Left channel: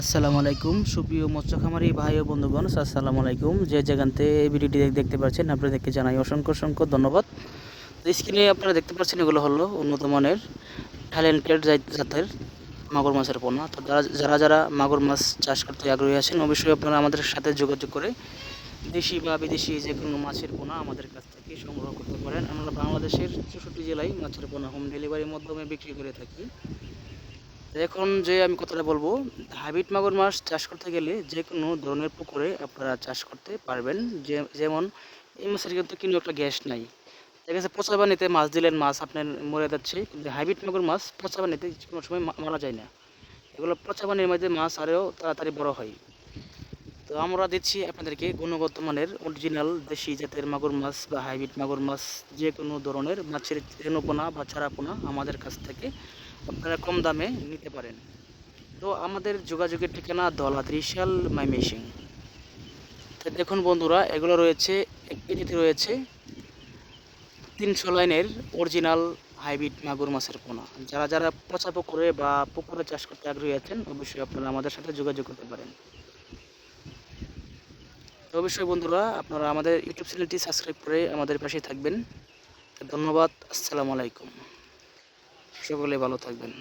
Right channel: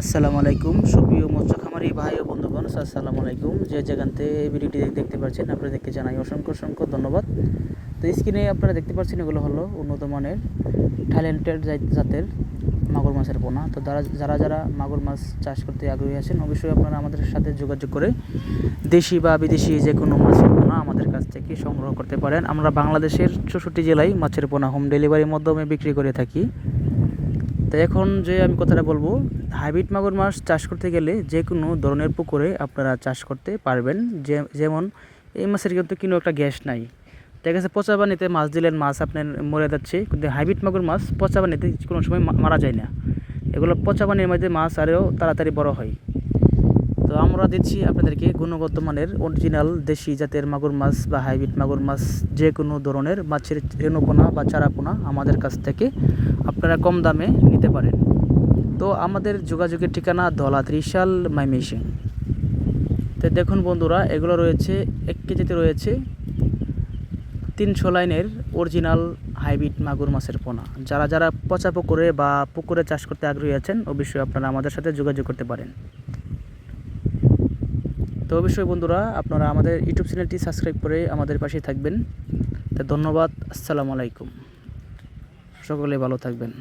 আসসালামু আলাইকুম সুপ্রিয় মৎস্য খামারি ভাই ও বন্ধুগণ, আসসালামু আলাইকুম। যে যেখানতে ভিডিওটি দেখতে পাচ্ছেন আপনাদেরকে জানাই অসংখ্য অসংখ্য ধন্যবাদ। স্ক্রিনে আপনারা দেখতে পাচ্ছেন এগুলো হলো উন্নত মানের ট্যালেন্টেড জাতের মাগুর মাছের পোনা। তো যারা যারা মাগুর মাছ চাষ করতে আগ্রহী আছেন অবশ্যই আপনারা আমাদের সাথে যোগাযোগ করে দেশি বা বিদেশি যে কোনো মাছের পোনা আমাদের কাছ থেকে সংগ্রহ করতে পারেন। আমরা বাংলাদেশের 64 জেলায় মাছের পোনা হোম ডেলিভারির মাধ্যমে বিক্রি করে থাকি। তো এখন যে আমি কথাটা বলবো, হাইব্রিড মাগুর মাছ চাষ করতে গেলে যে কোনো ধরনের পুকুরে আপনারা চাষ করতে পারবেন। যেমন এই মাছের কিন্তু কোনো একটা গ্যাস নাই। দেখা গেছে পচা পানিতে মাছ দিলেন, মাছ আপনার মরে যাচ্ছে, কিন্তু হাইব্রিড মাগুর মাছ পচা পানিতে কোনো সময় মারা যায় না। এগুলো পচা পানির মধ্যে মাছ আরও তাড়াতাড়ি বড় হয়। তো আমরা দিচ্ছি আপনাদেরকে গুণগত মানের অরিজিনাল দেশি জাতের মাগুর মাছ বা হাইব্রিড মাগুর মাছ, যে কোনো ধরনের মাছের রেণুপোনা বা চারাপোনা আমাদের কাছ থেকে আপনারা কম দামে নিতে পারেন। তো আমাদের যোগাযোগের ঠিকানা ধলা ত্রিশাল ময়মনসিং। তো দেখুন বন্ধুরা, এগুলো রয়েছে 1 কেজিতে রয়েছে 300 লাইনের অরিজিনাল হাইব্রিড মাগুর মাছের পোনা। যারা যারা পচা পুকুরে বা পুকুরে চাষ করতে আগ্রহী আছেন অবশ্যই আপনারা আমাদের সাথে যোগাযোগ করতে পারেন। তো অবশ্যই বন্ধুরা আপনারা আমাদের ইউটিউব চ্যানেলটি সাবস্ক্রাইব করে আমাদের পাশে থাকবেন। তো ধন্যবাদ। আসসালামু আলাইকুম। সকলে ভালো থাকবেন।